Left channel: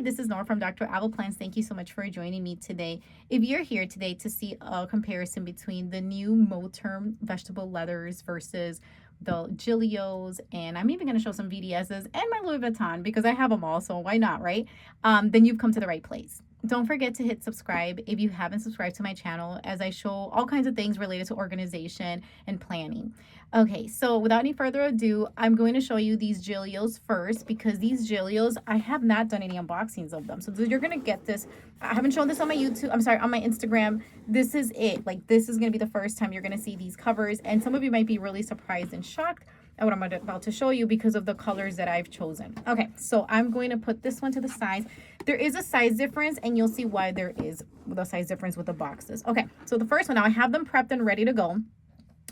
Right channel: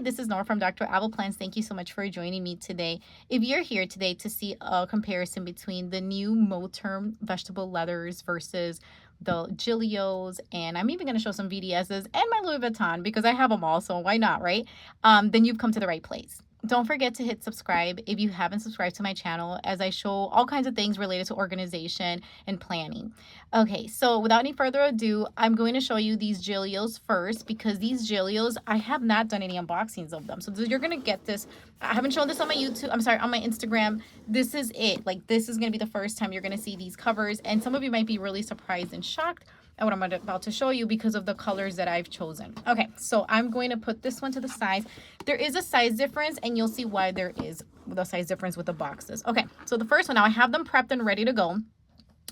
Hi, this is Nora from Dr. Apple Plans. Thank you so much for joining me today. If you're here today to see a comparison between the new Moterm vegetable leathers versus the Gillios, and I'm even going to show some VDSs and my Louis Vuitton because I have them all, so why not, right? Then you've come to the right place. Don't forget to hit subscribe if you haven't subscribed to my channel, as I show all kinds of things related to organization and planning. Okay, so without any further ado, I'm going to show you these Gillios first, because these Gillios, I have not done any unboxings of them. So you're going to get this. I haven't shown this on my YouTube, I'm sorry, on my Instagram. This is it. Like, this is going to be the first time you're going to see these covers. And some of you might be really surprised and shocked at what I'm about to show you because of the colors that I've chosen. Okay, so I'm going to put this one to the side. There is a size difference, and you'll see why there is the size difference with the boxes. Okay, so the first one, now I have them prepped and ready to go,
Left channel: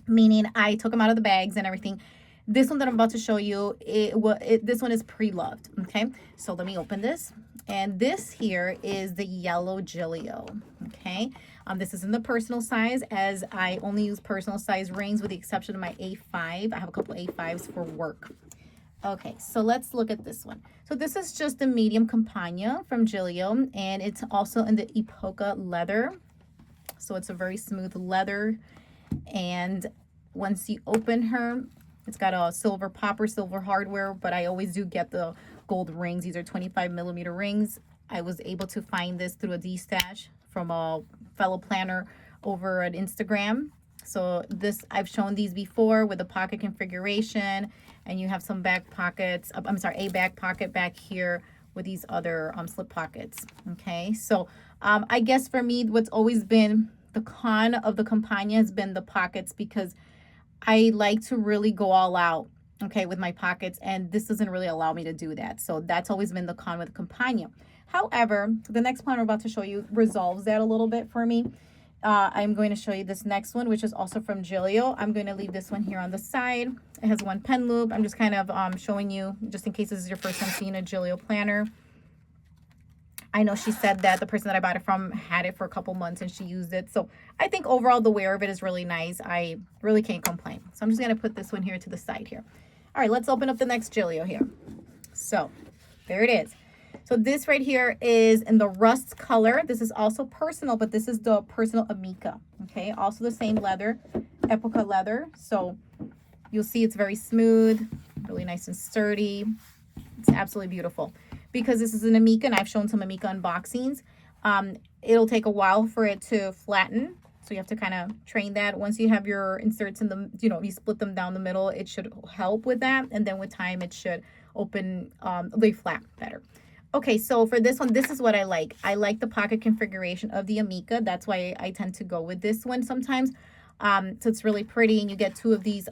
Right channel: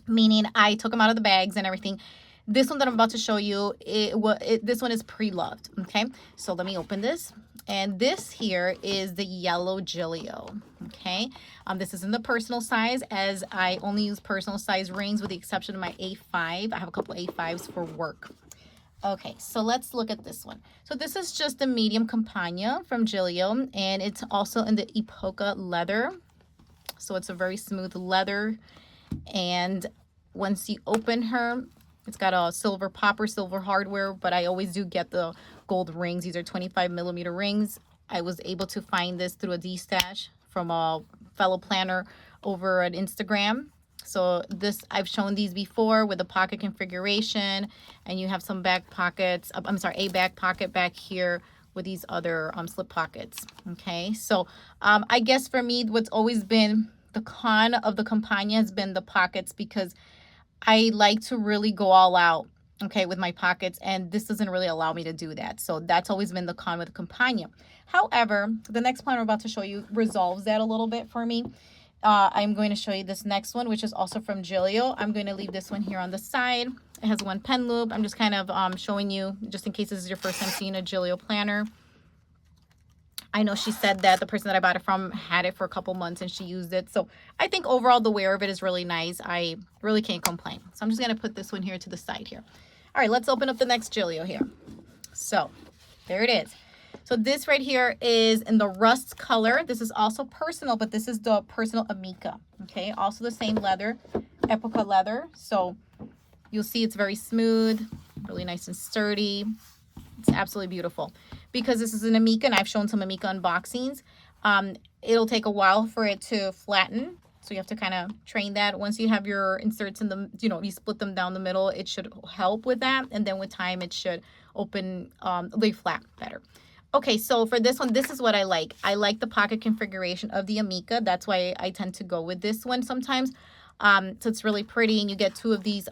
meaning I took them out of the bags and everything. This one that I'm about to show you, this one is pre-loved. Okay, so let me open this. And this here is the yellow Gillio. Okay, this is in the personal size, as I only use personal size rings with the exception of my A5. I have a couple A5s for work. Okay, so let's look at this one. So this is just the medium Campagna from Gillio, and it's also in the Epoca leather. So it's a very smooth leather, and once you open her, it's got a silver popper, silver hardware, but I always do get the gold rings. These are 25mm rings. I was able to find this through a D-stash from a fellow planner over at Instagram. So this, I've shown these before with the pocket configuration, and you have some back pockets. I'm sorry, a back pocket back here with these other slip pockets. Okay, so I guess for me, what's always been the con of the Campagna has been the pockets, because I like to really go all out, okay, with my pockets, and this doesn't really allow me to do that. So that's always been the con with Campagna. However, the next plan I'm about to show you resolves that a little bit for me. I'm going to show you this next one, which is also from Gillio. I'm going to leave this one here on the side. It has one pen loop. I'm just kind of showing you, just in case this is your first time seeing a Gillio planner. I know she said that the person that I bought it from had it for a couple months and she used it. So I think overall the wear of it is really nice. I really can't complain. So I'm just going to put this one here to the side here. All right, let's open up the next Gillio here. So there it is. So this right here is in the rust color. This is also personal, but this is the personal Amica. Okay, also the same leather, Epoca leather. So you'll see it's very smooth, really nice and sturdy. It's absolutely beautiful. Because this is an Amica, and I've shown some Amica unboxings, it'll take a while for it to flatten. So you have to kind of train that. Once you have your inserts in the, you split them down the middle, it should help with that. And then with time, it should open, lay flat better. Okay, so for this one, this is what I like. I like the pocket configuration of the Amica. That's why I tend to go with this one sometimes. So it's really pretty, and you get two of these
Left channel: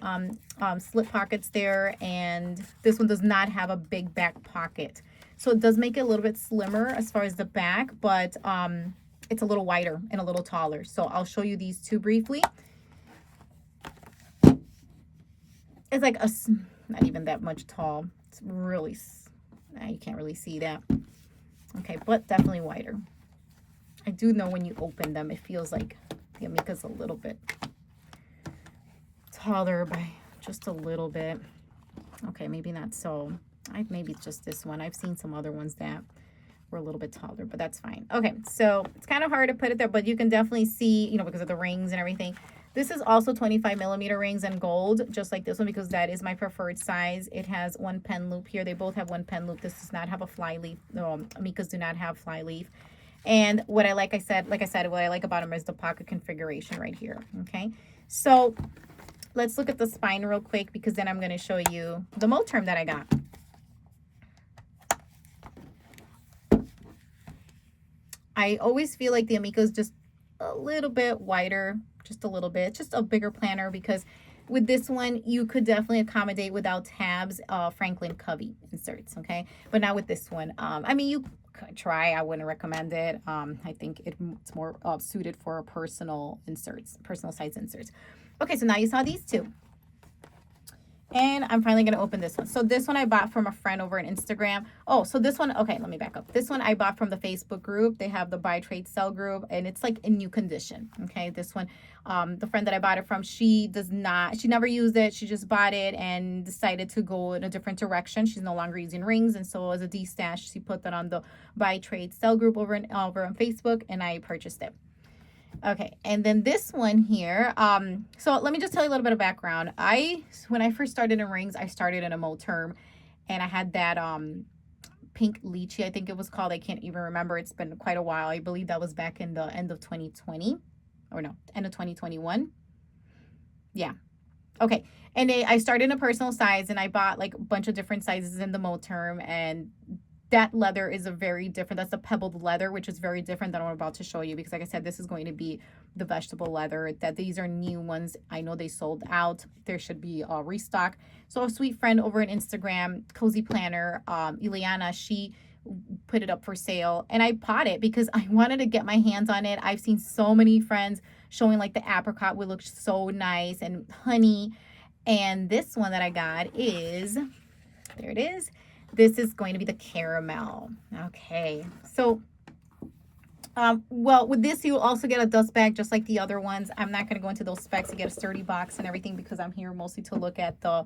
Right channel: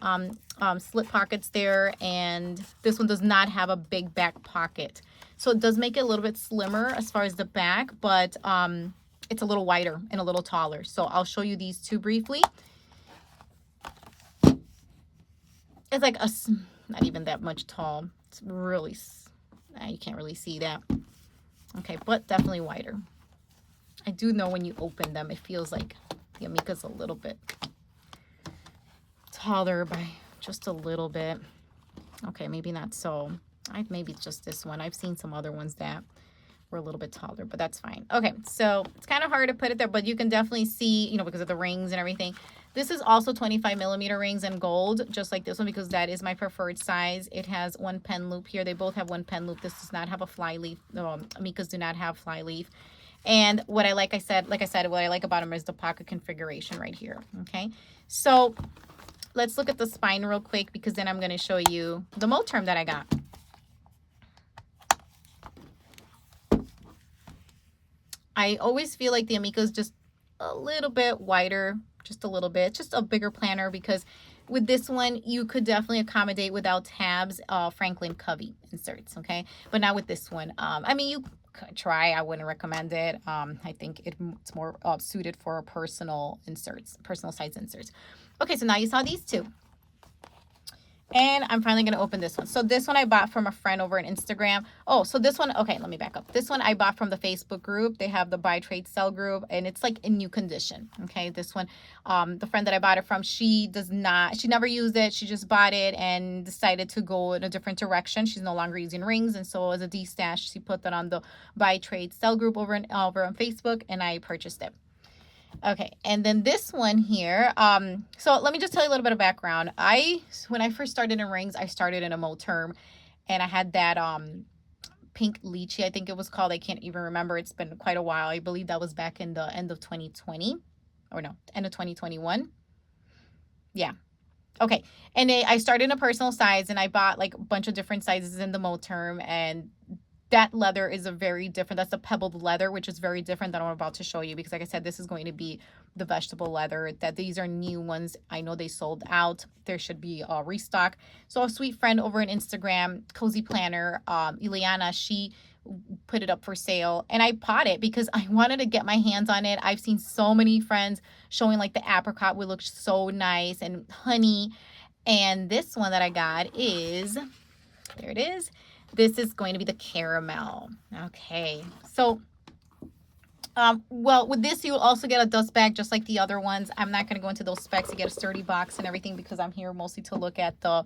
slip pockets there, and this one does not have a big back pocket. So it does make it a little bit slimmer as far as the back, but it's a little wider and a little taller. So I'll show you these two briefly. It's like not even that much tall. It's really, you can't really see that. Okay, but definitely wider. I do know when you open them, it feels like the Amica's a little bit taller by just a little bit. Okay, maybe not so. Maybe it's just this one. I've seen some other ones that were a little bit taller, but that's fine. Okay, so it's kind of hard to put it there, but you can definitely see, because of the rings and everything. This is also 25mm rings and gold, just like this one, because that is my preferred size. It has one pen loop here. They both have one pen loop. This does not have a fly leaf. Amicas do not have fly leaf. And what I like I said, what I like about them is the pocket configuration right here. Okay, so let's look at the spine real quick, because then I'm going to show you the Moterm that I got. I always feel like the Amica is just a little bit wider, just a little bit, just a bigger planner, because with this one, you could definitely accommodate without tabs, Franklin Covey inserts, okay? But not with this one. I mean, you could try. I wouldn't recommend it. I think it's more suited for personal inserts, personal size inserts. Okay, so now you saw these two. And I'm finally going to open this one. So this one I bought from a friend over on Instagram. Oh, so this one, okay, let me back up. This one I bought from the Facebook group. They have the buy, trade, sell group, and it's like in new condition. Okay, this one, the friend that I bought it from, she never used it. She just bought it and decided to go in a different direction. She's no longer using rings. And so as a D-stash, she put that on the buy, trade, sell group over on Facebook, and I purchased it. Okay, and then this one here, so let me just tell you a little bit of background. When I first started in rings, I started in a Moterm, and I had that pink lychee, I think it was called. I can't even remember. It's been quite a while. I believe that was back in the end of 2020, or no, end of 2021. Yeah. Okay, and I started in a personal size, and I bought like a bunch of different sizes in the Moterm, and that leather is that's a pebbled leather, which is very different than what I'm about to show you, because like I said, this is going to be the vegetable leather. That these are new ones. I know they sold out. There should be a restock. So a sweet friend over on Instagram, Cozy Planner, Ileana, she put it up for sale, and I bought it because I wanted to get my hands on it. I've seen so many friends showing like the apricot would look so nice, and honey. And this one that I got is, there it is. This is going to be the caramel. Okay, so well, with this you also get a dust bag just like the other ones. I'm not going to go into those specs. You get a sturdy box and everything because I'm here mostly to look at the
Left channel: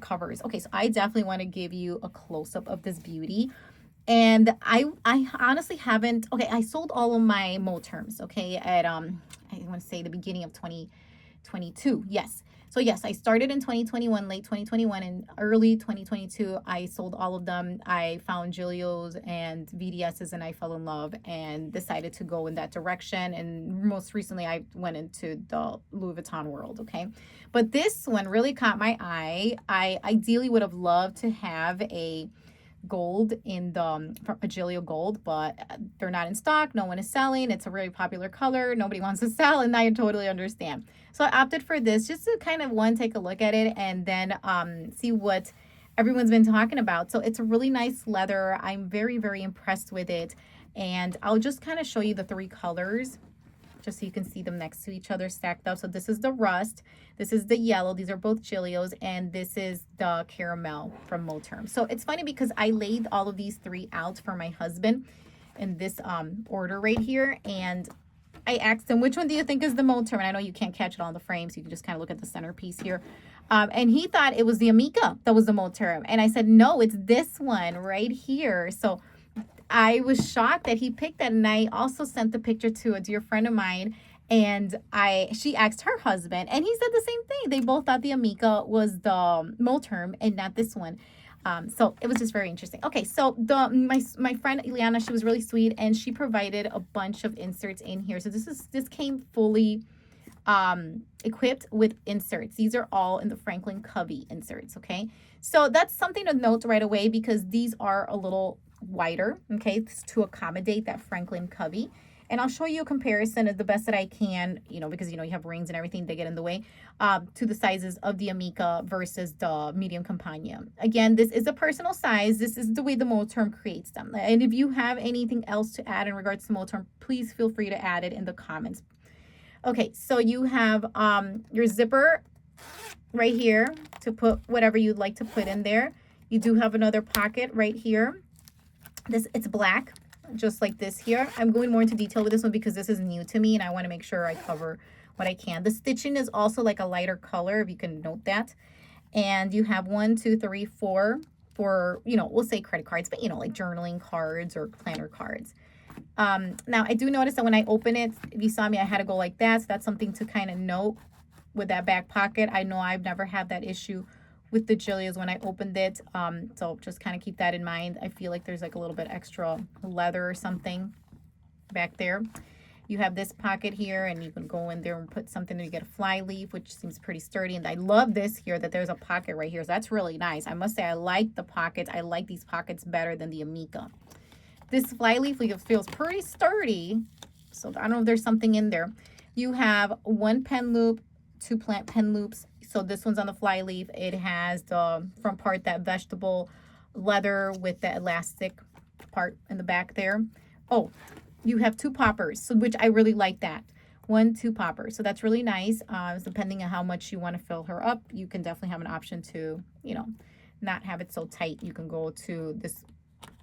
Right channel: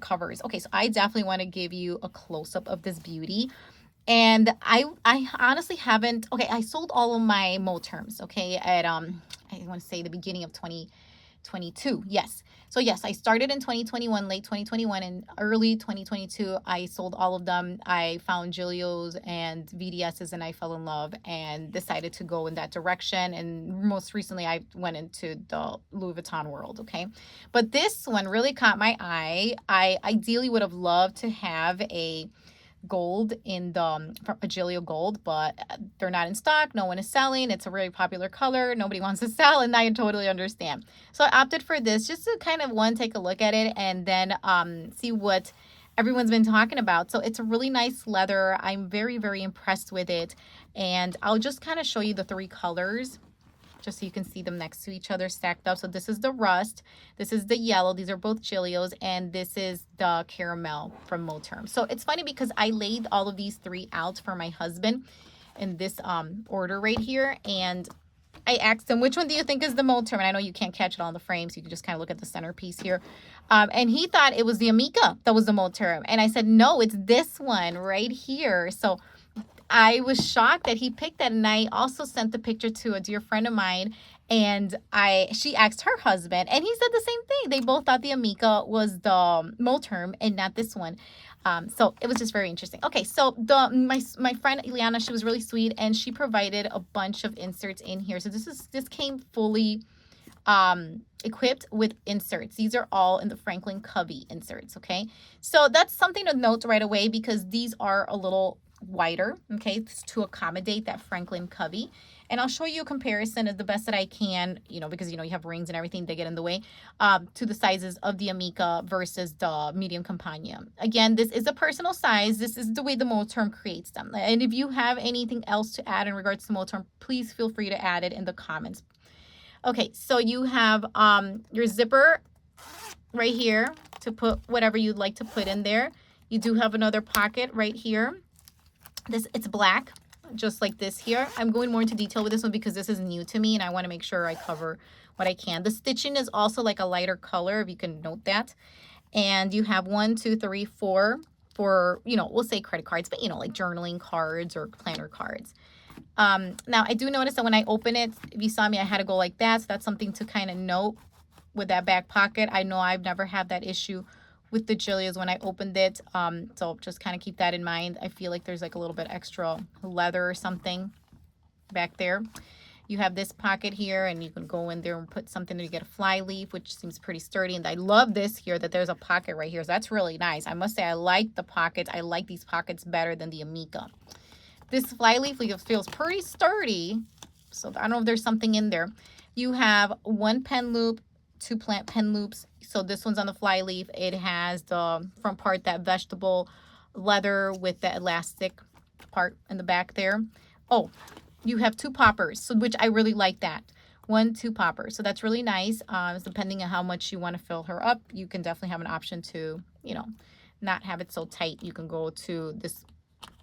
covers. Okay, so I definitely want to give you a close-up of this beauty. And I honestly haven't, okay, I sold all of my Moterms, okay, at I want to say the beginning of 2022. Yes. So yes, I started in 2021, late 2021, and early 2022, I sold all of them. I found Gillio's and VDS's, and I fell in love and decided to go in that direction. And most recently, I went into the Louis Vuitton world, okay? But this one really caught my eye. I ideally would have loved to have a gold in the Gillio gold, but they're not in stock. No one is selling. It's a really popular color. Nobody wants to sell, and I totally understand. So I opted for this just to kind of take a look at it, and then see what everyone's been talking about. So it's a really nice leather. I'm very, very impressed with it, and I'll just kind of show you the three colors just so you can see them next to each other stacked up. So this is the rust, this is the yellow, these are both Gillio's, and this is the caramel from Moterm. So it's funny because I laid all of these three out for my husband in this order right here, and I asked him, which one do you think is the Moterm? And I know you can't catch it on the frame, so you can just kind of look at the centerpiece here. And he thought it was the Amica that was the Moterm. And I said, no, it's this one right here. So I was shocked that he picked that, and I also sent the picture to a dear friend of mine, and she asked her husband, and he said the same thing. They both thought the Amica was the Moterm and not this one. So it was just very interesting. Okay, so my friend Ileana, she was really sweet, and she provided a bunch of inserts in here. So this came fully equipped with inserts. These are all in the Franklin Covey inserts, okay? So that's something to note right away because these are a little wider, okay, to accommodate that Franklin Covey. And I'll show you a comparison of the best that I can, because, you have rings and everything, they get in the way, to the sizes of the Amica versus the medium Campagna. Again, this is a personal size. This is the way the Moterm creates them. And if you have anything else to add in regards to Moterm, please feel free to add it in the comments. Okay, so you have your zipper right here to put whatever you'd like to put in there. You do have another pocket right here. It's black, just like this here. I'm going more into detail with this one because this is new to me and I want to make sure I cover what I can. The stitching is also like a lighter color, if you can note that. And you have 1, 2, 3, 4 for, we'll say credit cards, but like journaling cards or planner cards. Now I do notice that when I open it, if you saw me, I had to go like that. So that's something to kind of note with that back pocket. I know I've never had that issue with the Gillio's when I opened it. So just kind of keep that in mind. I feel like there's like a little bit extra leather or something back there. You have this pocket here, and you can go in there and put something to get a fly leaf, which seems pretty sturdy. And I love this here, that there's a pocket right here. So that's really nice. I must say I like the pockets. I like these pockets better than the Amica. This fly leaf feels pretty sturdy. So I don't know if there's something in there. You have 1 pen loop, 2 plant pen loops. So this one's on the fly leaf. It has the front part, that vegetable leather with the elastic part in the back there. Oh, you have 2 poppers, so which I really like that. 1 2 poppers. So that's really nice. Depending on how much you want to fill her up, you can definitely have an option to, you know, not have it so tight. You can go to this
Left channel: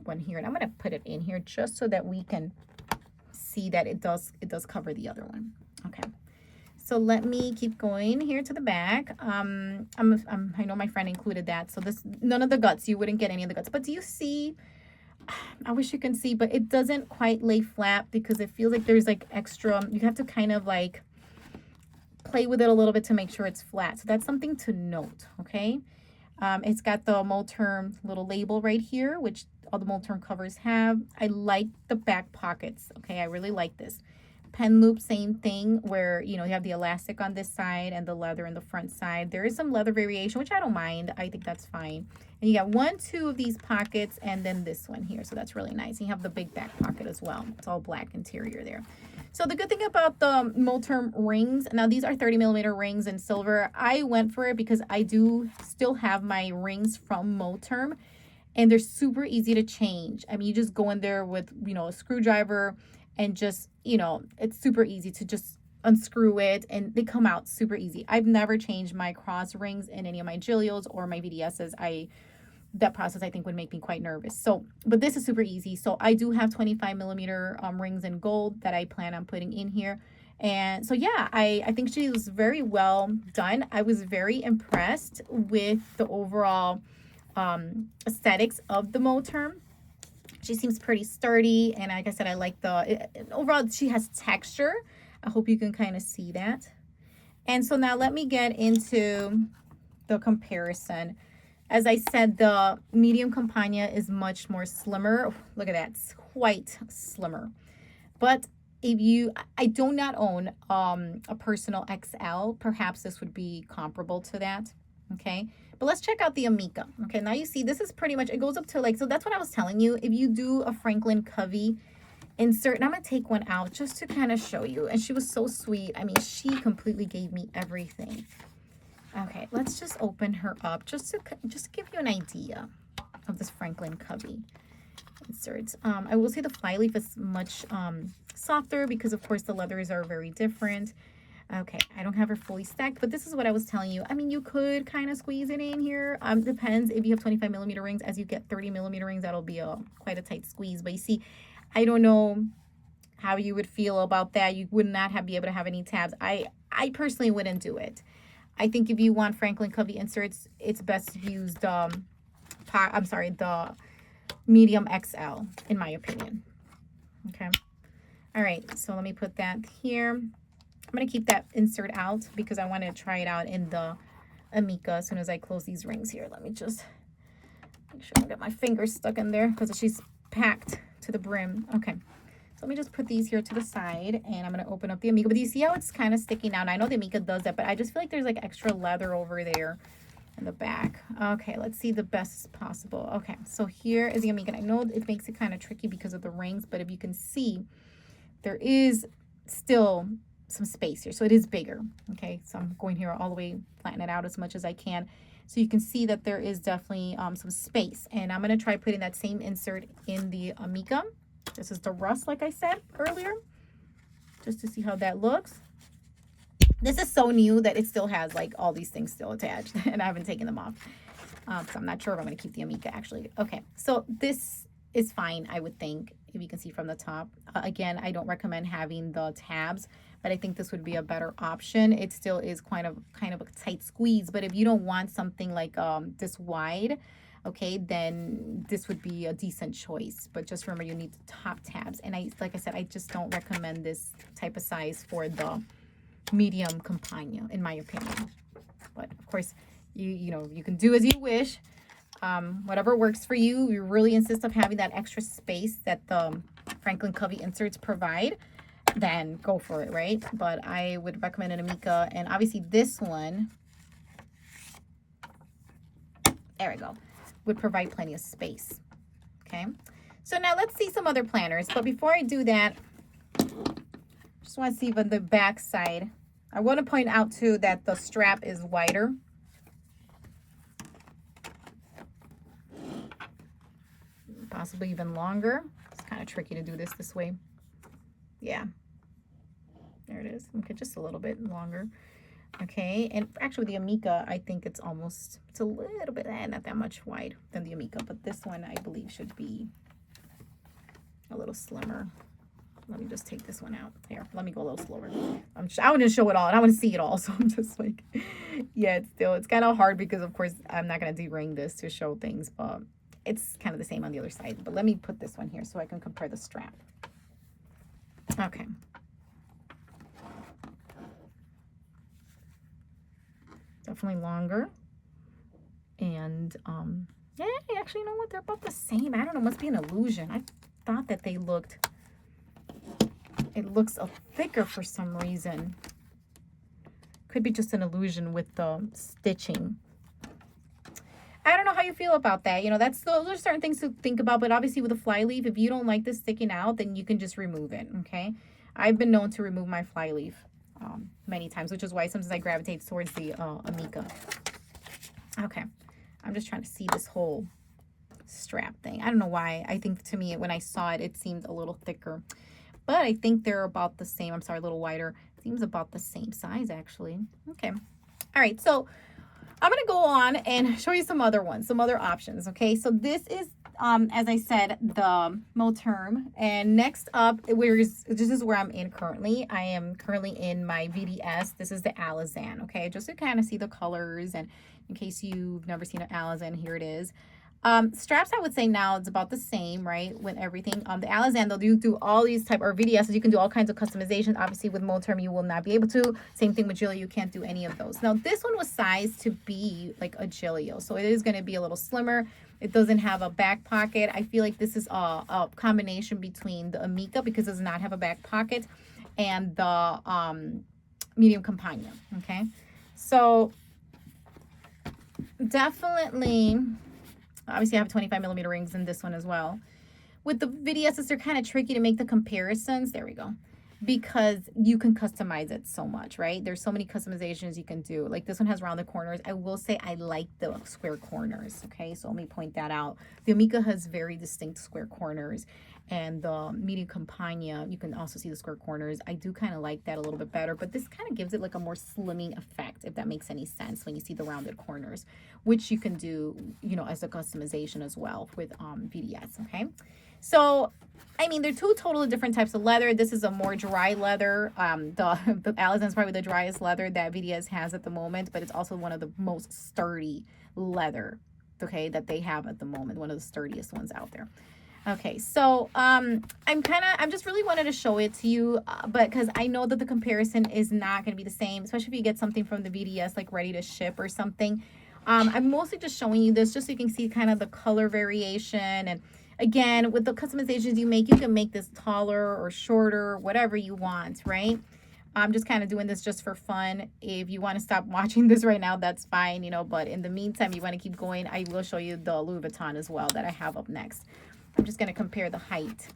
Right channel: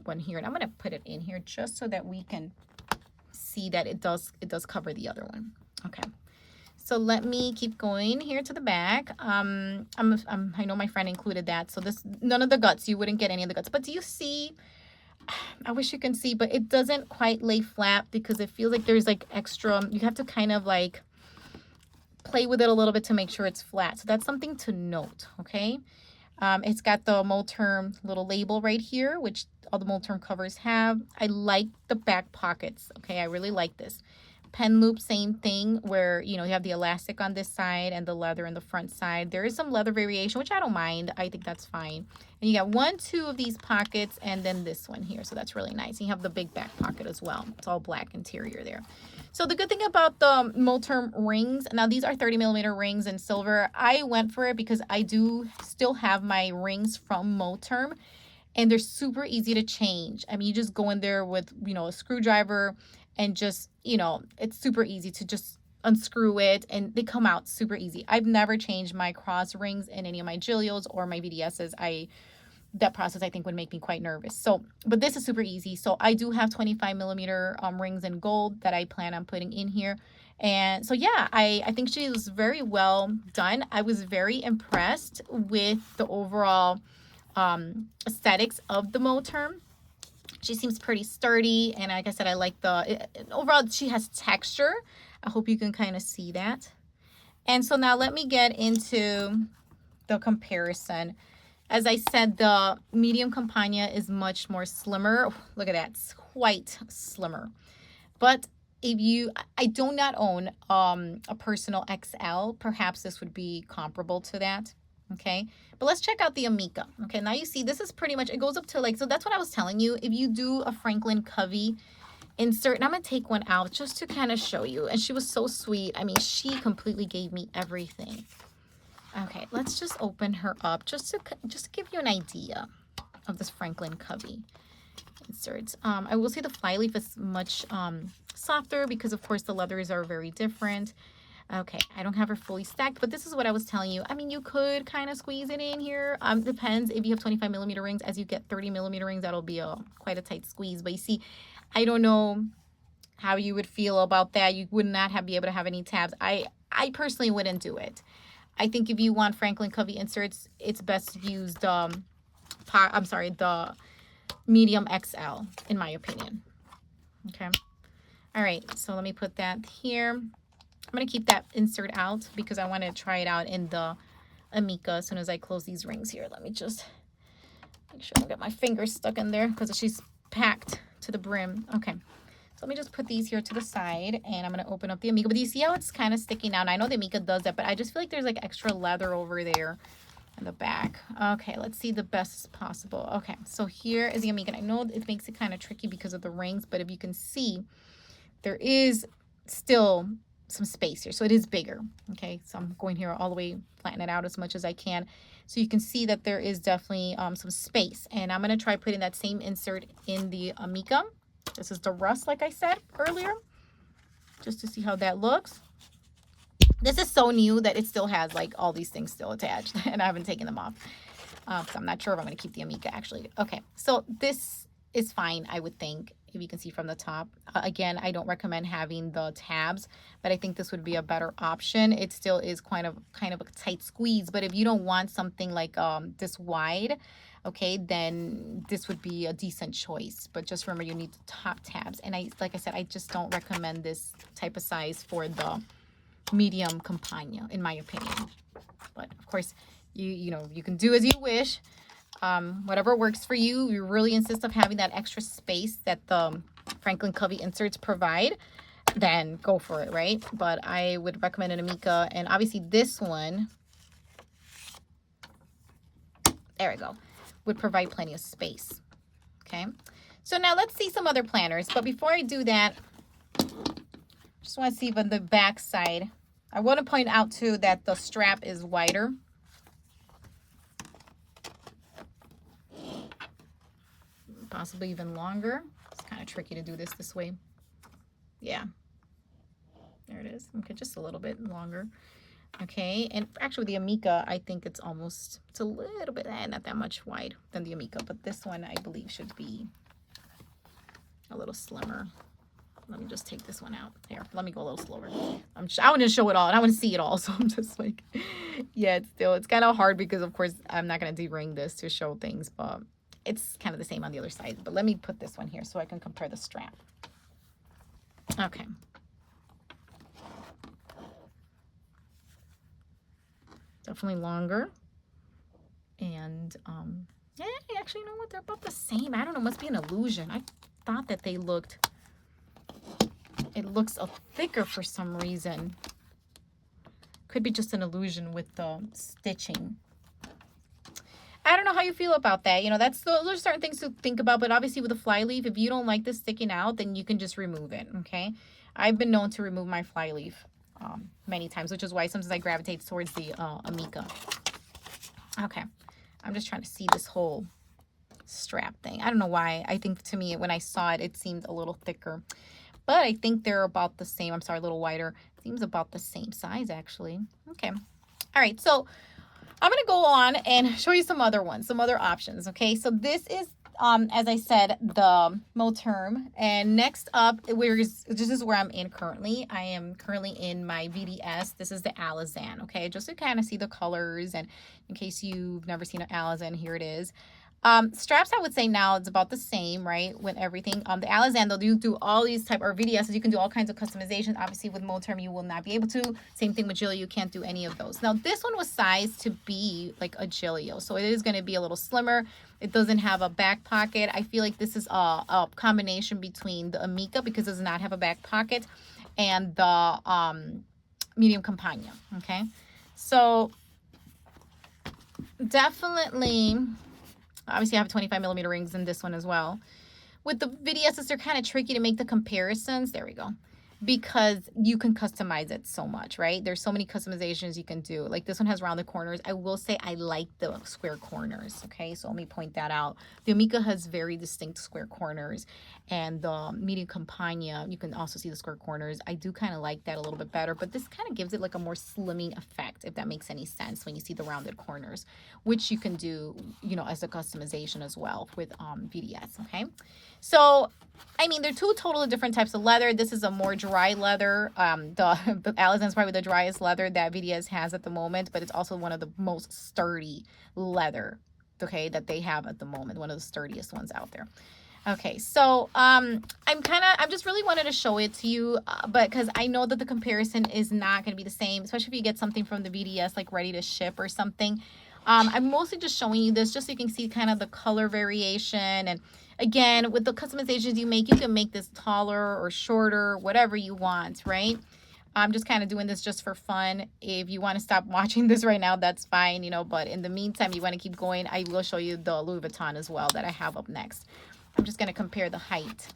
one here, and I'm going to put it in here just so that we can see that it does cover the other one. Okay. So let me keep going here to the back. I know my friend included that. So this, none of the guts, you wouldn't get any of the guts. But do you see, I wish you can see, but it doesn't quite lay flat because it feels like there's like extra, you have to kind of like play with it a little bit to make sure it's flat. So that's something to note, okay? It's got the Moterm little label right here, which all the Moterm covers have. I like the back pockets, okay? I really like this. Pen loop, same thing, where, you know, you have the elastic on this side and the leather on the front side. There is some leather variation, which I don't mind. I think that's fine. And you got 1 2 of these pockets and then this one here. So that's really nice. And you have the big back pocket as well. It's all black interior there. So the good thing about the Moterm rings, now these are 30mm rings in silver. I went for it because I do still have my rings from Moterm, and they're super easy to change. I mean, you just go in there with, you know, a screwdriver and just, you know, it's super easy to just unscrew it and they come out super easy. I've never changed my cross rings in any of my Gillios or my VDSs. That process I think would make me quite nervous. So, but this is super easy. So I do have 25mm rings in gold that I plan on putting in here. And so yeah, I think she was very well done. I was very impressed with the overall aesthetics of the Moterm. She seems pretty sturdy, and like I said, I like overall she has texture. I hope you can kind of see that. And so now let me get into the comparison. As I said, the medium Campagna is much more slimmer. Oh, look at that, it's quite slimmer. But I do not own a personal XL. Perhaps this would be comparable to that. Okay, but let's check out the Amica. Okay, now you see this is pretty much, it goes up to like, so that's what I was telling you. If you do a Franklin Covey insert, and I'm gonna take one out just to kind of show you. And she was so sweet. I mean, she completely gave me everything. Okay, let's just open her up just to give you an idea of this Franklin Covey insert. I will say the flyleaf is much softer because of course the leathers are very different. Okay, I don't have her fully stacked, but this is what I was telling you. I mean, you could kind of squeeze it in here. Depends if you have 25mm rings. As you get 30mm rings, that'll be quite a tight squeeze. But you see, I don't know how you would feel about that. You would not be able to have any tabs. I personally wouldn't do it. I think if you want Franklin Covey inserts, it's best to use the medium XL, in my opinion. Okay. All right, so let me put that here. I'm going to keep that insert out because I want to try it out in the Amica as soon as I close these rings here. Let me just make sure I don't get my fingers stuck in there because she's packed to the brim. Okay, so let me just put these here to the side, and I'm going to open up the Amica. But do you see how it's kind of sticking out? I know the Amica does that, but I just feel like there's like extra leather over there in the back. Okay, let's see the best possible. Okay, so here is the Amica. I know it makes it kind of tricky because of the rings, but if you can see, there is still some space here, so it is bigger. Okay, so I'm going here all the way, flatten it out as much as I can, so you can see that there is definitely some space. And I'm going to try putting that same insert in the Amica. This is the rust, like I said earlier, just to see how that looks. This is so new that it still has like all these things still attached and I haven't taken them off. So I'm not sure if I'm going to keep the Amica actually. Okay, so this is fine, I would think, if you can see from the top. Again, I don't recommend having the tabs, but I think this would be a better option. It still is kind of a tight squeeze, but if you don't want something like this wide, okay, then this would be a decent choice. But just remember, you need the top tabs. And like I said, I just don't recommend this type of size for the medium Campagna, in my opinion. But of course, you know, you can do as you wish. Whatever works for you. You really insist on having that extra space that the Franklin Covey inserts provide, then go for it, right? But I would recommend an Amica, and obviously this one, there we go, would provide plenty of space. Okay, so now let's see some other planners. But before I do that, just want to see on the back side, I want to point out too that the strap is wider. Possibly even longer. It's kind of tricky to do this way. Yeah. There it is. Okay, just a little bit longer. Okay, and actually the Amica, I think it's a little bit, not that much wide than the Amica, but this one I believe should be a little slimmer. Let me just take this one out. Here, let me go a little slower. I want to show it all, and I want to see it all, so I'm just like, yeah, it's kind of hard because, of course, I'm not going to de-ring this to show things, but it's kind of the same on the other side. But let me put this one here so I can compare the strap. Okay. Definitely longer. And, yeah, actually, you know what? They're about the same. I don't know. It must be an illusion. I thought that they looked... It looks thicker for some reason. Could be just an illusion with the stitching. I don't know how you feel about that. You know, those are certain things to think about. But obviously with a fly leaf, if you don't like this sticking out, then you can just remove it, okay? I've been known to remove my fly leaf many times, which is why sometimes I gravitate towards the Amica. Okay, I'm just trying to see this whole strap thing. I don't know why. I think to me, when I saw it, it seemed a little thicker. But I think they're about the same. I'm sorry, a little wider. Seems about the same size, actually. Okay. All right, so I'm going to go on and show you some other ones, some other options, okay? So this is, as I said, the Moterm. And next up, this is where I'm in currently. I am currently in my VDS. This is the Alizan, okay? Just to kind of see the colors, and in case you've never seen an Alizan, here it is. Straps, I would say now it's about the same, right? With everything. The Alizan, though, you do all these type, or VDSs, you can do all kinds of customizations. Obviously, with Moterm, you will not be able to. Same thing with Gillio, you can't do any of those. Now, this one was sized to be like a Gillio, so it is going to be a little slimmer. It doesn't have a back pocket. I feel like this is a combination between the Amica, because it does not have a back pocket, and the medium Companion, okay? So, definitely... Obviously, I have 25mm rings in this one as well. With the VDSs, they're kind of tricky to make the comparisons. There we go. Because you can customize it so much, right? There's so many customizations you can do. Like this one has rounded corners. I will say I like the square corners, okay? So let me point that out. The Amica has very distinct square corners. And the medium Campagna, you can also see the square corners. I do kind of like that a little bit better, but this kind of gives it like a more slimming effect, if that makes any sense, when you see the rounded corners, which you can do, you know, as a customization as well with VDS, okay? So, I mean, they're two totally different types of leather. This is a more dry leather. The Alizan is probably the driest leather that VDS has at the moment, but it's also one of the most sturdy leather, okay, that they have at the moment, one of the sturdiest ones out there. Okay, so I'm just really wanted to show it to you, but because I know that the comparison is not going to be the same, especially if you get something from the VDS like ready to ship or something. I'm mostly just showing you this just so you can see kind of the color variation. And again, with the customizations you can make this taller or shorter, whatever you want, right? I'm just kind of doing this just for fun. If you want to stop watching this right now, that's fine, you know, but in the meantime, you want to keep going, I will show you the Louis Vuitton as well that I have up next. I'm just going to compare the height.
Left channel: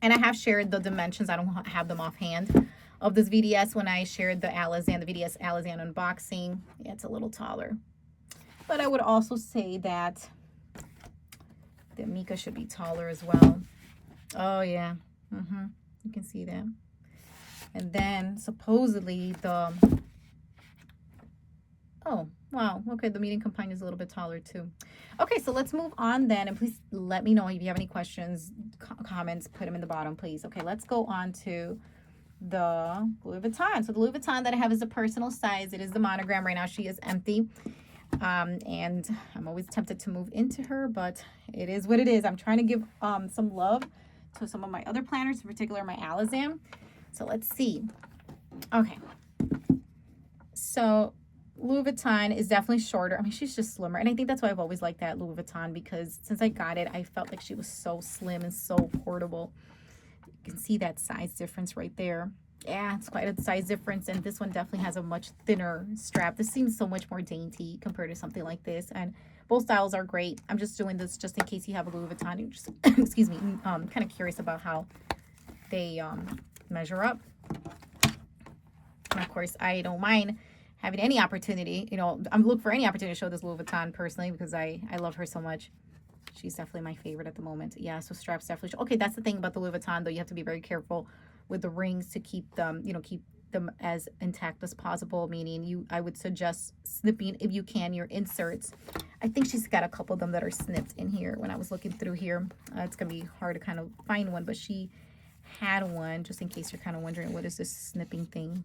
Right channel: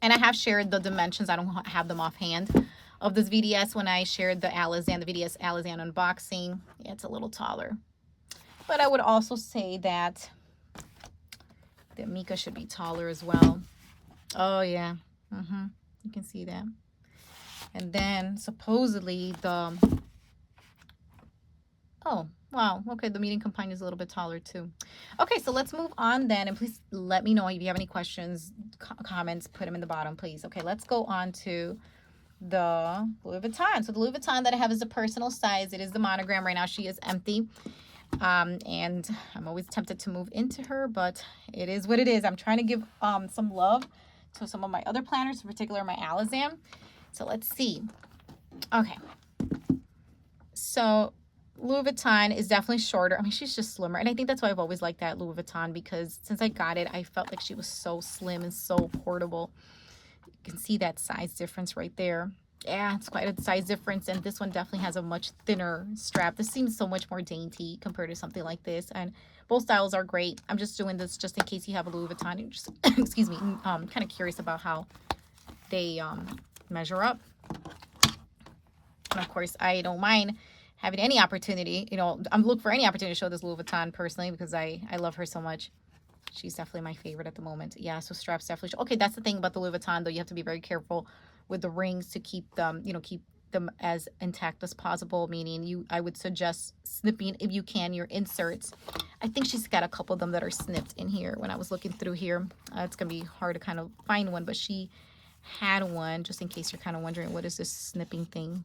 And I have shared the dimensions. I don't have them offhand of this VDS when I shared the Alizan, the VDS Alizan unboxing. Yeah, it's a little taller. But I would also say that the Amica should be taller as well. Oh, yeah. You can see that. And then supposedly the... Oh, wow. Okay, the medium Companion is a little bit taller too. Okay, so let's move on then. And please let me know if you have any questions, comments, put them in the bottom, please. Okay, let's go on to the Louis Vuitton. So the Louis Vuitton that I have is a personal size. It is the monogram. Right now she is empty. And I'm always tempted to move into her, but it is what it is. I'm trying to give some love to some of my other planners, in particular my Alizan. So let's see. Okay. So Louis Vuitton is definitely shorter. I mean, she's just slimmer. And I think that's why I've always liked that Louis Vuitton, because since I got it, I felt like she was so slim and so portable. You can see that size difference right there. Yeah, it's quite a size difference. And this one definitely has a much thinner strap. This seems so much more dainty compared to something like this. And both styles are great. I'm just doing this just in case you have a Louis Vuitton. You're just, excuse me, kind of curious about how they measure up. And of course, I don't mind having any opportunity, you know, I'm looking for any opportunity to show this Louis Vuitton personally, because I love her so much. She's definitely my favorite at the moment. Yeah, so straps definitely. Okay, that's the thing about the Louis Vuitton, though. You have to be very careful with the rings to keep them, keep them as intact as possible, meaning I would suggest snipping if you can your inserts. I think she's got a couple of them that are snipped in here. When I was looking through here, it's gonna be hard to kind of find one, but she had one, just in case you're kind of wondering what is this snipping thing.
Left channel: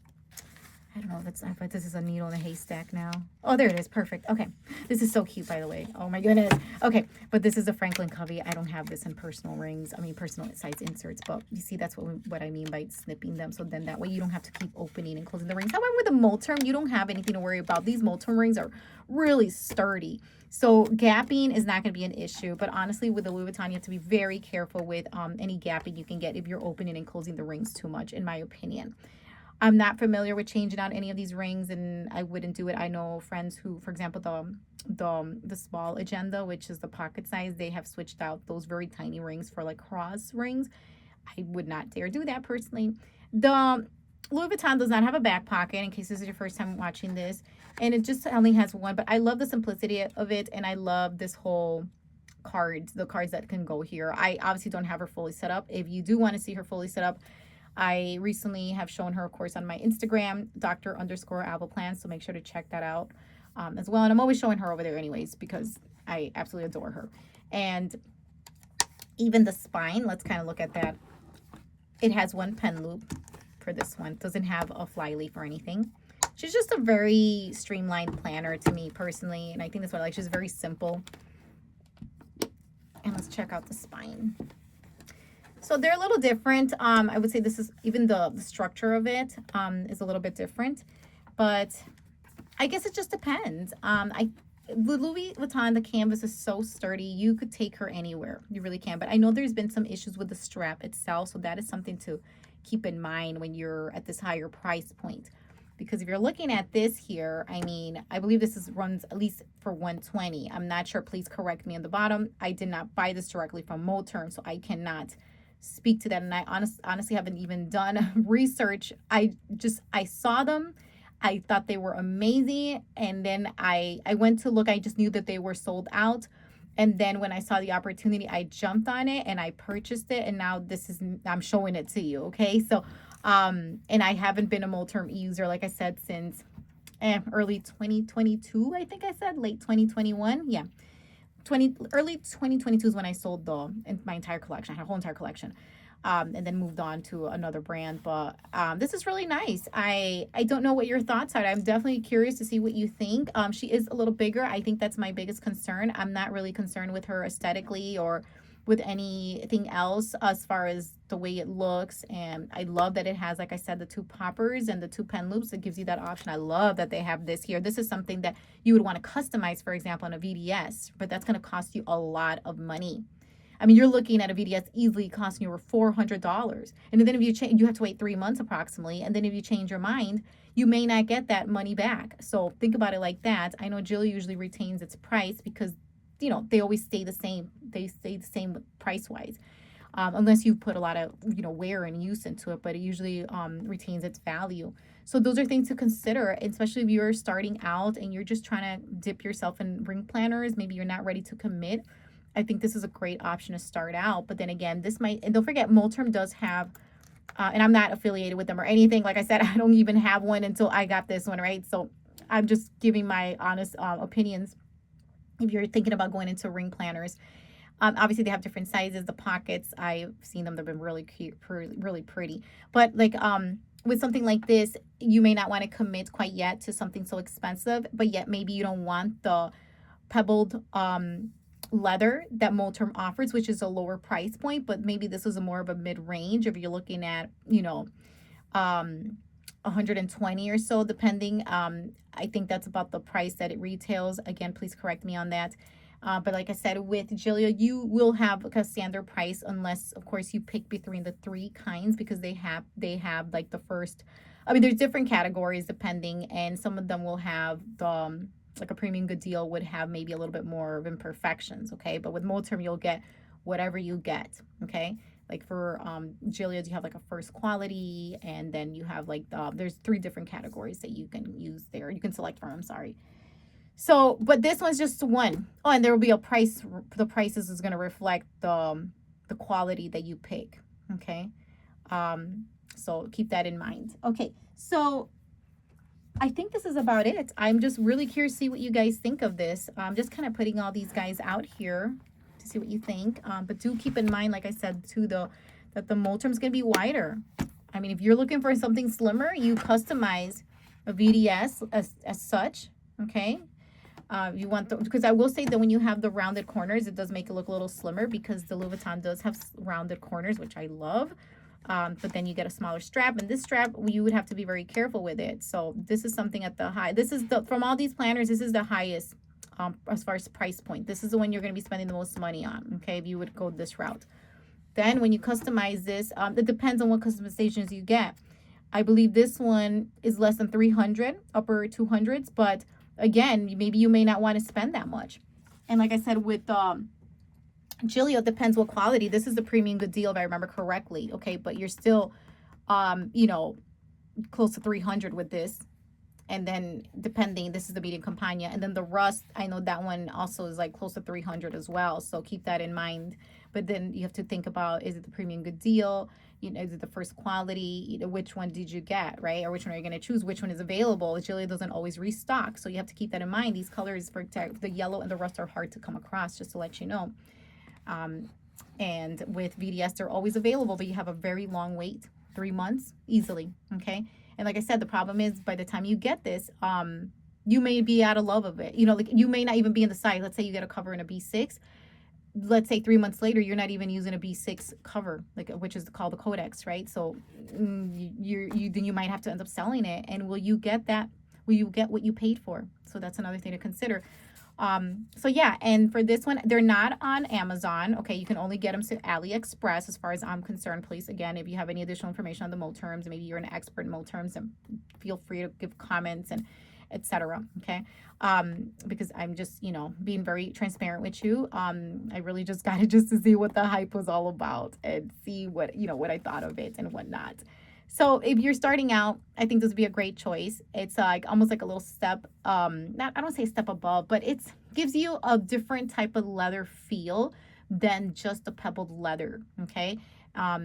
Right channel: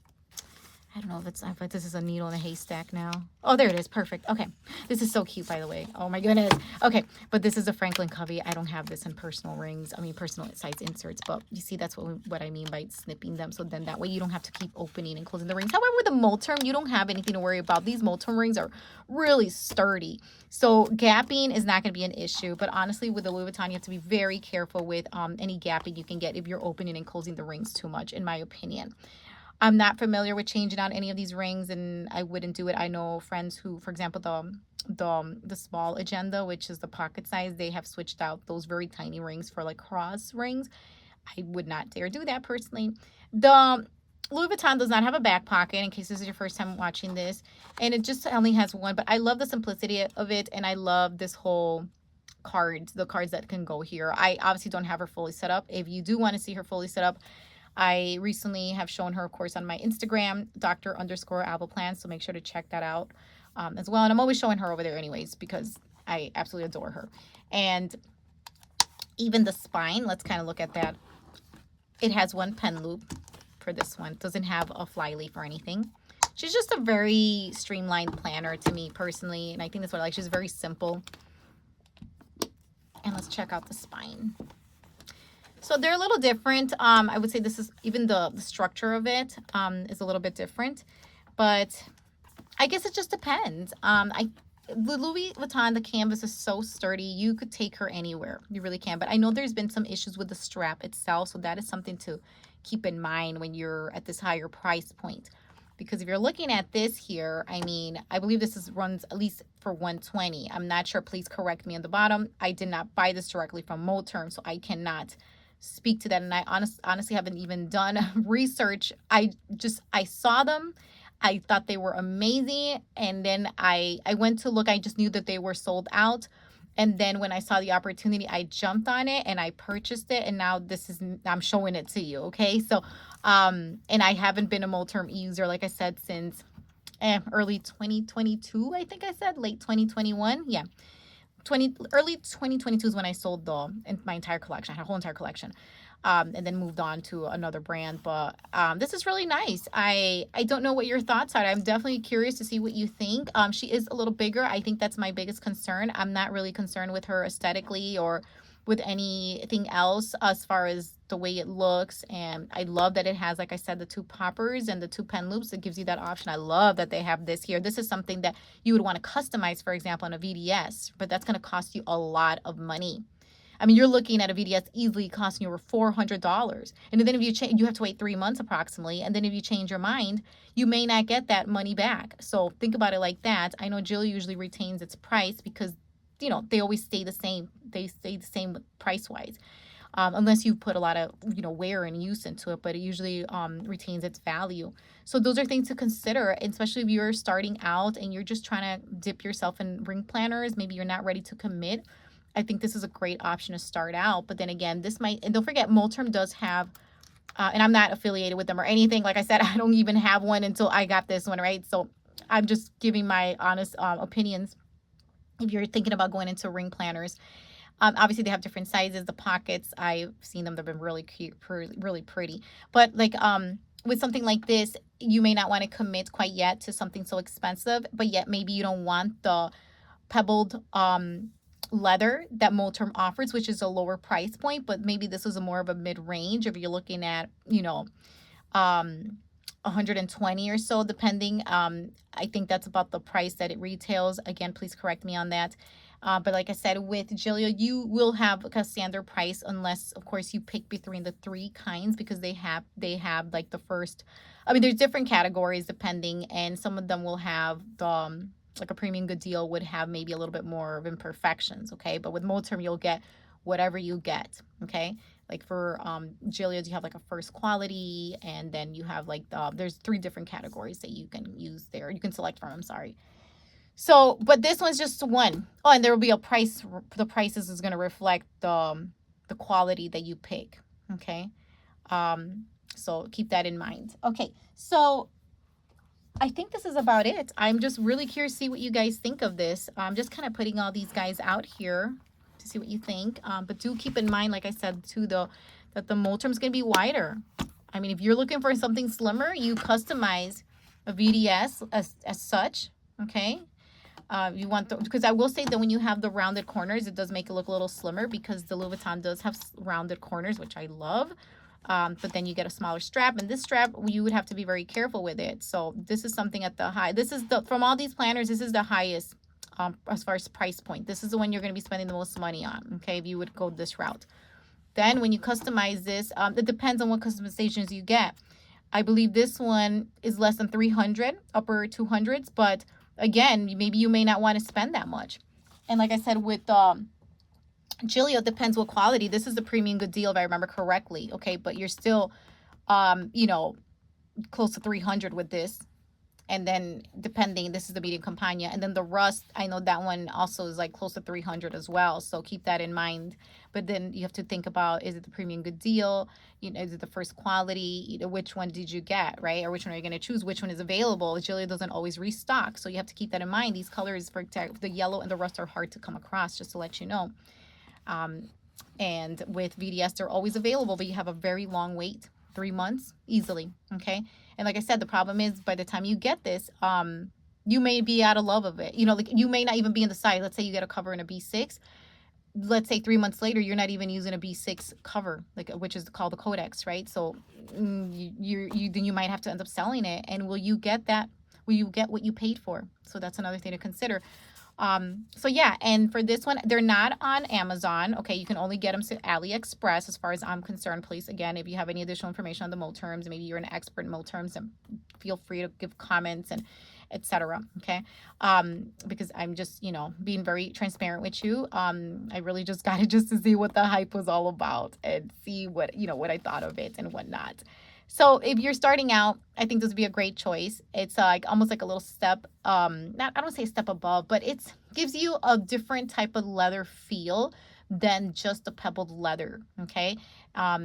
I don't know if this is a needle in a haystack now. Oh, there it is. Perfect. Okay. This is so cute, by the way. Oh my goodness. Okay. But this is a Franklin Covey. I don't have this in personal rings. I mean, personal size inserts, but you see, that's what I mean by snipping them. So then that way you don't have to keep opening and closing the rings. However, with the Moterm, you don't have anything to worry about. These Moterm rings are really sturdy. So gapping is not going to be an issue. But honestly, with the Louis Vuitton, you have to be very careful with any gapping you can get if you're opening and closing the rings too much, in my opinion. I'm not familiar with changing out any of these rings, and I wouldn't do it. I know friends who, for example, the small agenda, which is the pocket size, they have switched out those very tiny rings for like cross rings. I would not dare do that personally. The Louis Vuitton does not have a back pocket, in case this is your first time watching this, and it just only has one, but I love the simplicity of it, and I love this whole the cards that can go here. I obviously don't have her fully set up. If you do want to see her fully set up, I recently have shown her, of course, on my Instagram, Dr_Appleplan, so make sure to check that out as well. And I'm always showing her over there anyways, because I absolutely adore her. And even the spine, let's kind of look at that. It has one pen loop for this one. It doesn't have a fly leaf or anything. She's just a very streamlined planner to me personally, and I think that's what I like. She's very simple. And let's check out the spine. So they're a little different. I would say this is even the structure of it is a little bit different, but I guess it just depends. The Louis Vuitton, the canvas is so sturdy. You could take her anywhere. You really can. But I know there's been some issues with the strap itself, so that is something to keep in mind when you're at this higher price point. Because if you're looking at this here, I mean, I believe this runs at least for $120. I'm not sure. Please correct me on the bottom. I did not buy this directly from Moterm, so I cannot speak to that, and I honestly haven't even done research. I saw them, I thought they were amazing, and then I went to look. I just knew that they were sold out, and then when I saw the opportunity, I jumped on it and I purchased it, and now I'm showing it to you. Okay, so and I haven't been a Moterm user, like I said, since early 2022. I think I said late 2021. Yeah, early 2022 is when I sold my entire collection. I had a whole entire collection, and then moved on to another brand. But this is really nice. I don't know what your thoughts are. I'm definitely curious to see what you think. She is a little bigger. I think that's my biggest concern. I'm not really concerned with her aesthetically or with anything else as far as the way it looks. And I love that it has, like I said, the two poppers and the two pen loops. It gives you that option. I love that they have this here. This is something that you would want to customize, for example, on a VDS, but that's going to cost you a lot of money. I mean, you're looking at a VDS easily costing you over $400. And then if you change, you have to wait 3 months approximately. And then if you change your mind, you may not get that money back. So think about it like that. I know Gillio usually retains its price because, they always stay the same. They stay the same price-wise. Unless you put a lot of, wear and use into it, but it usually retains its value. So those are things to consider, especially if you're starting out and you're just trying to dip yourself in ring planners. Maybe you're not ready to commit. I think this is a great option to start out. But then again, and don't forget, Moterm does have, and I'm not affiliated with them or anything. Like I said, I don't even have one until I got this one, right? So I'm just giving my honest opinions. If you're thinking about going into ring planners, obviously they have different sizes. The pockets, I've seen them. They've been really cute, really pretty. But like with something like this, you may not want to commit quite yet to something so expensive, but yet maybe you don't want the pebbled leather that Moterm offers, which is a lower price point, but maybe this is more of a mid-range if you're looking at, 120 or so, depending. I think that's about the price that it retails. Again, please correct me on that. But like I said, with Gillio, you will have a standard price unless, of course, you pick between the 3 kinds, because they have like the first. I mean, there's different categories depending, and some of them will have the like a premium good deal would have maybe a little bit more of imperfections. Okay, but with Moterm, you'll get whatever you get. Okay. Like for Gillio, you have like a first quality, and then you have like there's 3 different categories that you can use there. You can select from. I'm sorry. So, but this one's just one. Oh, and there will be a price. The prices is going to reflect the quality that you pick. Okay. So keep that in mind. Okay, so I think this is about it. I'm just really curious to see what you guys think of this. I'm just kind of putting all these guys out here to see what you think. But do keep in mind, like I said, too, that the Moterm is going to be wider. I mean, if you're looking for something slimmer, you customize a VDS as such, okay? You want the, because I will say that when you have the rounded corners, it does make it look a little slimmer because the Louis Vuitton does have rounded corners, which I love. But then you get a smaller strap, and this strap, you would have to be very careful with it. So this is something at the high. This is the, from all these planners, this is the highest as far as price point. This is the one you're going to be spending the most money on, okay, if you would go this route. Then when you customize this, it depends on what customizations you get. I believe this one is less than 300, upper 200s, but again, maybe you may not want to spend that much. And like I said, with Gillio, depends what quality. This is the premium good deal if I remember correctly, okay? But you're still, you know, close to 300 with this. And then depending, this is the medium Campagna. And then the Rust, I know that one also is like close to 300 as well. So keep that in mind. But then you have to think about, is it the premium good deal? You know, is it the first quality? You know, which one did you get, right? Or which one are you going to choose? Which one is available? Gillio doesn't always restock. So you have to keep that in mind. These colors, for the yellow and the Rust, are hard to come across, just to let you know. And with VDS, they're always available, but you have a very long wait, 3 months easily, okay? And like I said, the problem is by the time you get this, you may be out of love of it. You know, like you may not even be in the size. Let's say you get a cover in a B6. Let's say 3 months later, you're not even using a B6 cover, like, which is called the Codex, right? So then you might have to end up selling it. And will you get that? Will you get what you paid for? So that's another thing to consider. So yeah, and for this one, they're not on Amazon. Okay, you can only get them to AliExpress as far as I'm concerned. Please, again, if you have any additional information on the Moterms, maybe you're an expert in Moterms, and feel free to give comments and etc. Okay, because I'm just, you know, being very transparent with you. I really just got it just to see what the hype was all about and see what, you know, what I thought of it and whatnot. So if you're starting out, I think this would be a great choice. It's like almost like a little step, not, I don't say step above, but it gives you a different type of leather feel than just a pebbled leather, okay?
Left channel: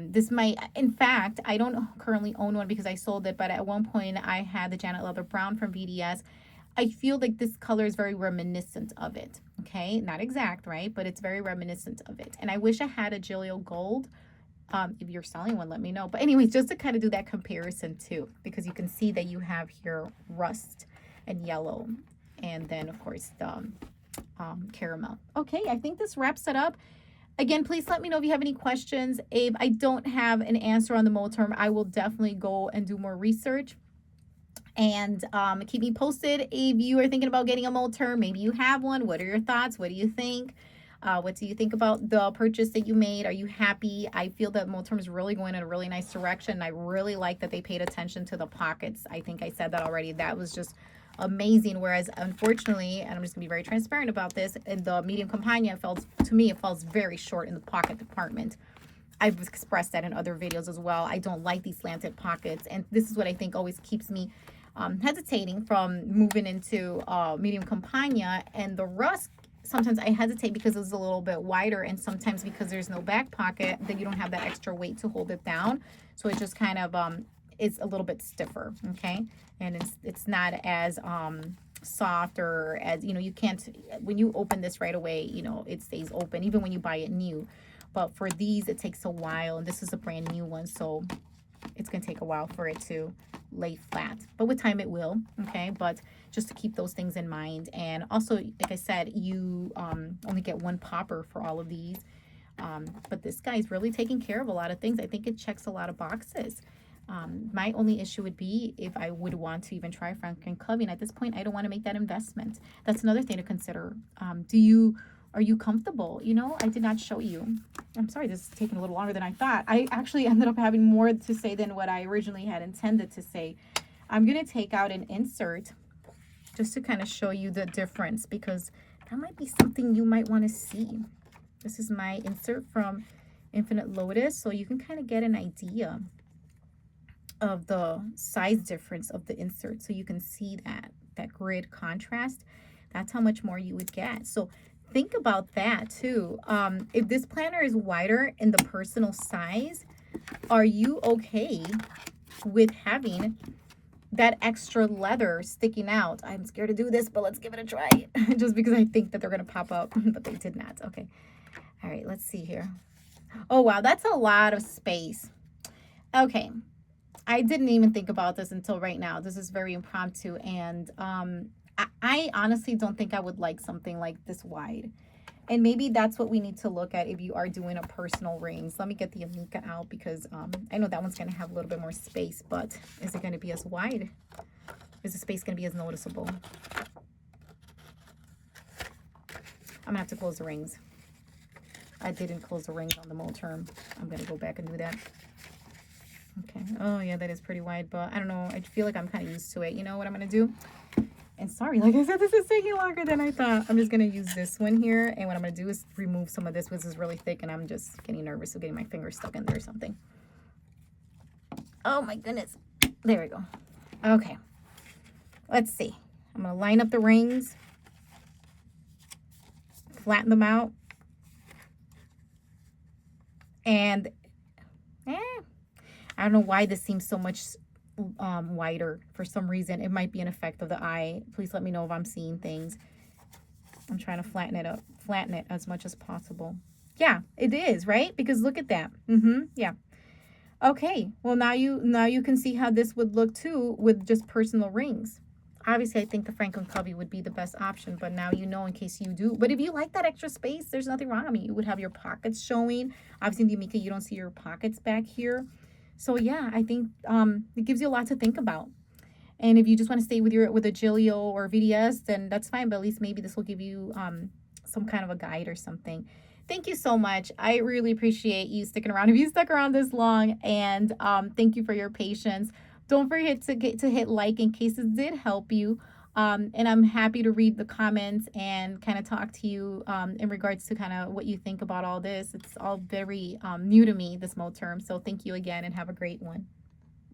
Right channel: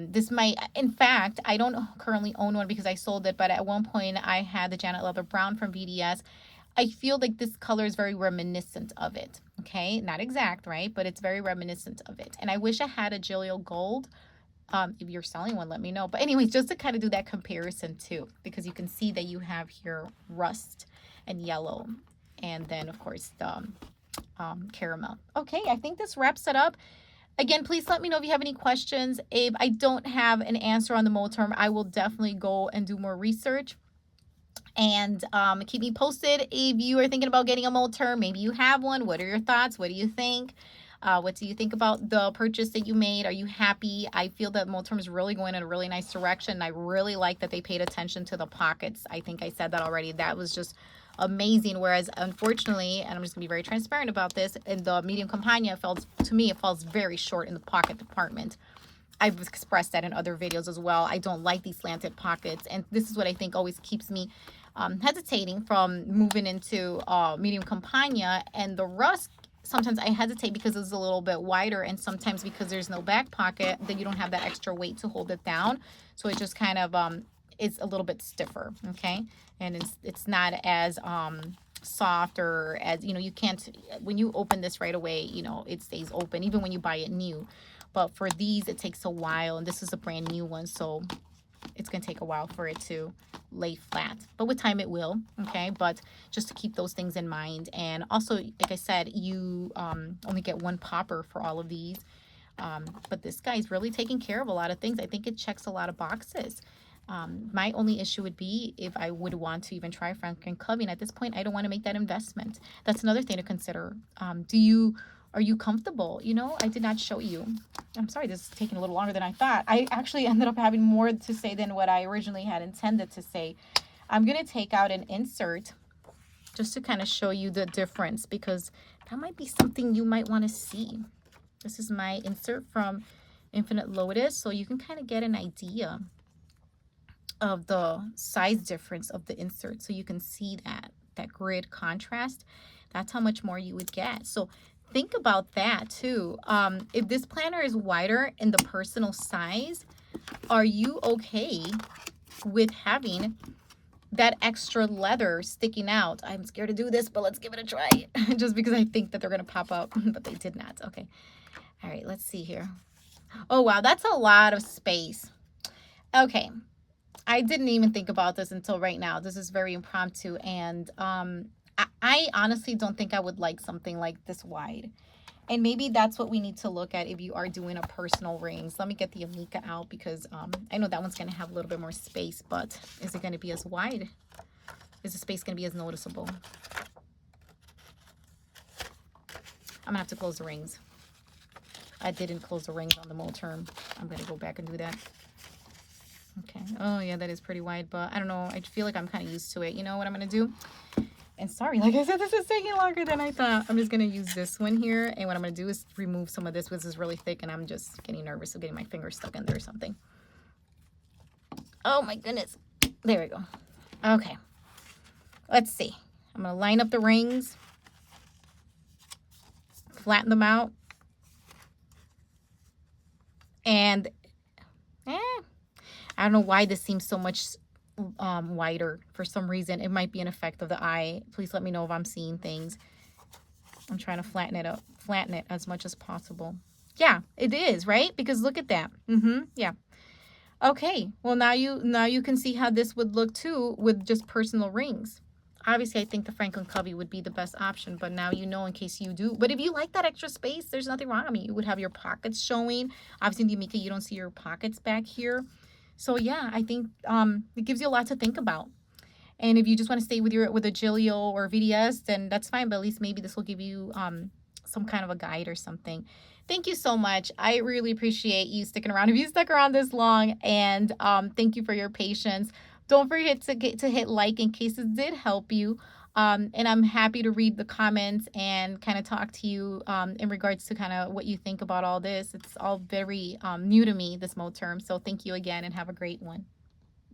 This might, in fact, I don't currently own one because I sold it, but at one point I had the Janet Leather Brown from VDS. I feel like this color is very reminiscent of it, okay? Not exact, right? But it's very reminiscent of it. And I wish I had a Gillio Gold. If you're selling one, let me know. But anyways, just to kind of do that comparison too, because you can see that you have here rust and yellow, and then of course the caramel. Okay, I think this wraps it up. Again, please let me know if you have any questions. If I don't have an answer on the Moterm, I will definitely go and do more research. And keep me posted if you are thinking about getting a Moterm. Maybe you have one. What are your thoughts? What do you think? What do you think about the purchase that you made? Are you happy? I feel that Moterm is really going in a really nice direction. I really like that they paid attention to the pockets. I think I said that already. That was just amazing. Whereas, unfortunately, and I'm just going to be very transparent about this, in the medium Campagna, to me, it falls very short in the pocket department. I've expressed that in other videos as well. I don't like these slanted pockets. And this is what I think always keeps me hesitating from moving into medium Campagna. And the Rust, sometimes I hesitate because it's a little bit wider, and sometimes because there's no back pocket, then you don't have that extra weight to hold it down. So it just kind of is a little bit stiffer, okay? And it's not as soft, or as, you know, you can't, when you open this right away, you know, it stays open even when you buy it new. But for these, it takes a while, and this is a brand new one, so it's going to take a while for it to lay flat, but with time it will, okay? But just to keep those things in mind. And also, like I said, you only get one popper for all of these, but this guy's really taking care of a lot of things. I think it checks a lot of boxes. My only issue would be if I would want to even try Franklin Covey, and at this point I don't want to make that investment. That's another thing to consider. Are you comfortable? You know, I did not show you. I'm sorry, this is taking a little longer than I thought. I actually ended up having more to say than what I originally had intended to say. I'm going to take out an insert just to kind of show you the difference, because that might be something you might want to see. This is my insert from Infinite Lotus, so you can kind of get an idea of the size difference of the insert. So you can see that grid contrast. That's how much more you would get. So think about that too. If this planner is wider in the personal size, are you okay with having that extra leather sticking out? I'm scared to do this, but let's give it a try. Just because I think that they're going to pop out, but they did not. Okay. All right, let's see here. Oh, wow, that's a lot of space. Okay. I didn't even think about this until right now. This is very impromptu, and I honestly don't think I would like something like this wide. And maybe that's what we need to look at if you are doing a personal rings. Let me get the Amica out because I know that one's going to have a little bit more space, but is it going to be as wide? Is the space going to be as noticeable? I'm going to have to close the rings. I didn't close the rings on the Moterm. I'm going to go back and do that. Okay. Oh, yeah, that is pretty wide, but I don't know. I feel like I'm kind of used to it. You know what I'm going to do? And sorry, like I said, this is taking longer than I thought. I'm just going to use this one here. And what I'm going to do is remove some of this, which is really thick. And I'm just getting nervous of getting my finger stuck in there or something. Oh, my goodness. There we go. Okay. Let's see. I'm going to line up the rings. Flatten them out. And I don't know why this seems so much wider for some reason. It might be an effect of the eye. Please let me know if I'm seeing things. I'm trying to flatten it as much as possible. Yeah, it is, right? Because look at that. Yeah. Okay. Well, now you can see how this would look too with just personal rings. Obviously, I think the Franklin Covey would be the best option, but now you know in case you do. But if you like that extra space, there's nothing wrong. I mean, you would have your pockets showing. Obviously, in the Amica, you don't see your pockets back here. So yeah, I think it gives you a lot to think about. And if you just want to stay with a Gillio or VDS, then that's fine. But at least maybe this will give you some kind of a guide or something. Thank you so much. I really appreciate you sticking around. If you stuck around this long, and thank you for your patience. Don't forget to hit like in case it did help you. And I'm happy to read the comments and kind of talk to you in regards to kind of what you think about all this. It's all very new to me, this Moterm. So thank you again and have a great one.